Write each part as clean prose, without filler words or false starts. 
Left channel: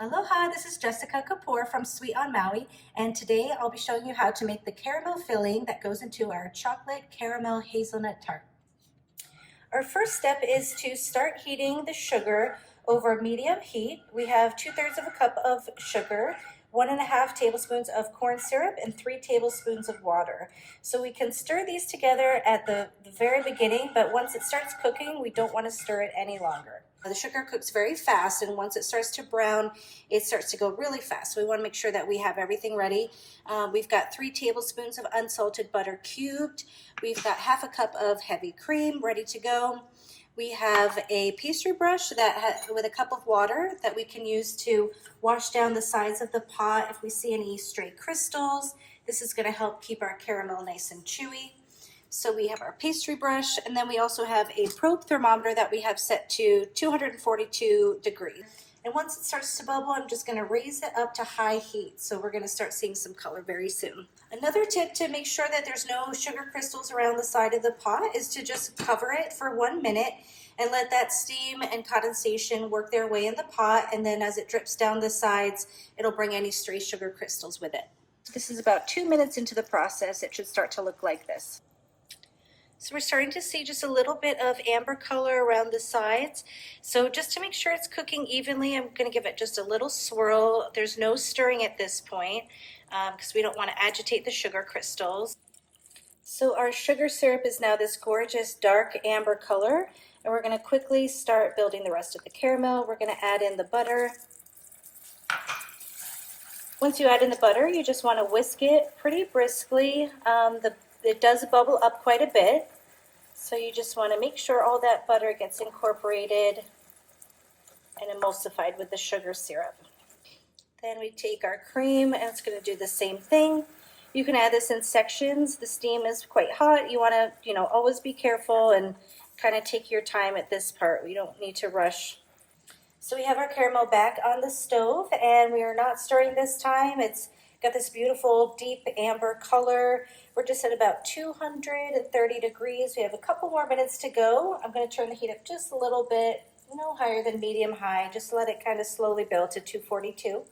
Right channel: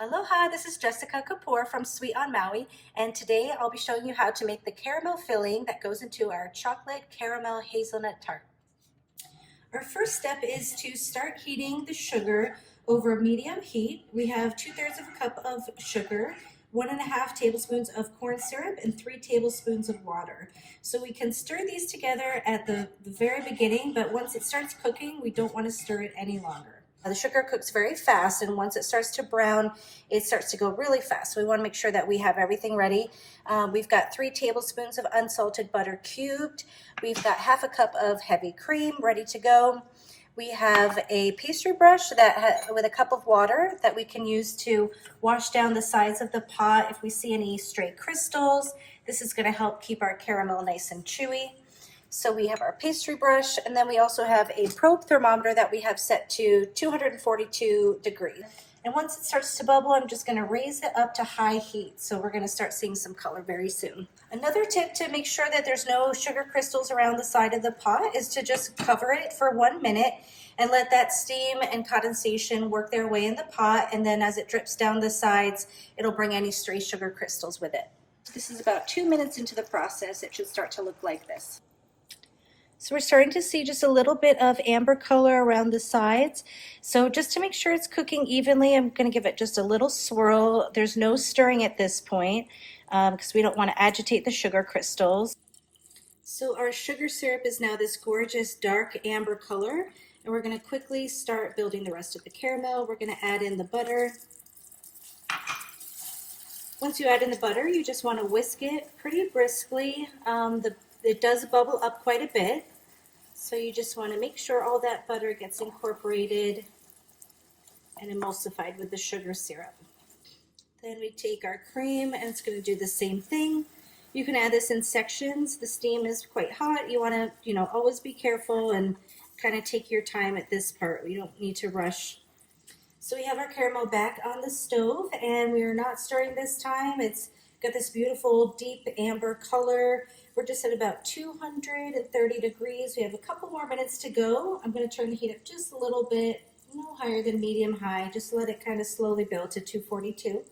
Aloha, this is Jessica Kapoor from Sweet on Maui, and today I'll be showing you how to make the caramel filling that goes into our chocolate caramel hazelnut tart. Our first step is to start heating the sugar over medium heat. We have 2/3 of a cup of sugar, 1.5 tablespoons of corn syrup, and 3 tablespoons of water. So we can stir these together at the very beginning, but once it starts cooking, we don't want to stir it any longer. The sugar cooks very fast, and once it starts to brown, it starts to go really fast. So we want to make sure that we have everything ready. We've got 3 tablespoons of unsalted butter cubed. We've got 1/2 cup of heavy cream ready to go. We have a pastry brush with a cup of water that we can use to wash down the sides of the pot if we see any stray crystals. This is going to help keep our caramel nice and chewy. So we have our pastry brush, and then we also have a probe thermometer that we have set to 242 degrees. And once it starts to bubble, I'm just going to raise it up to high heat. So we're going to start seeing some color very soon. Another tip to make sure that there's no sugar crystals around the side of the pot is to just cover it for 1 minute and let that steam and condensation work their way in the pot. And then as it drips down the sides, it'll bring any stray sugar crystals with it. This is about 2 minutes into the process. It should start to look like this. So we're starting to see just a little bit of amber color around the sides. So just to make sure it's cooking evenly, I'm going to give it just a little swirl. There's no stirring at this point because we don't want to agitate the sugar crystals. So our sugar syrup is now this gorgeous dark amber color, and we're going to quickly start building the rest of the caramel. We're going to add in the butter. Once you add in the butter, you just want to whisk it pretty briskly. It does bubble up quite a bit, so you just want to make sure all that butter gets incorporated and emulsified with the sugar syrup. Then we take our cream, and it's going to do the same thing. You can add this in sections. The steam is quite hot. You want to, always be careful and kind of take your time at this part. We don't need to rush. So we have our caramel back on the stove, and we are not stirring this time. It's got this beautiful deep amber color. We're just at about 230 degrees. We have a couple more minutes to go. I'm going to turn the heat up just a little bit, no higher than medium high. Just let it kind of slowly build to 242.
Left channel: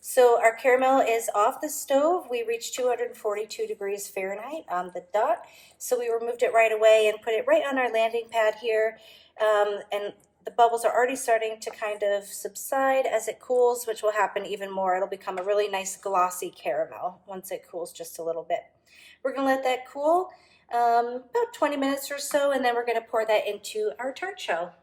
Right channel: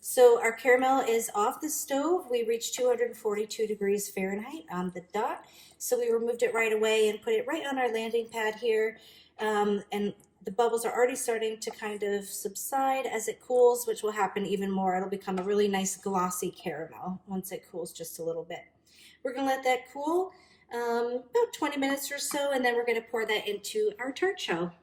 So our caramel is off the stove. We reached 242 degrees Fahrenheit on the dot. So we removed it right away and put it right on our landing pad here. And the bubbles are already starting to kind of subside as it cools, which will happen even more. It'll become a really nice glossy caramel once it cools just a little bit. We're going to let that cool about 20 minutes or so, and then we're going to pour that into our tart shell.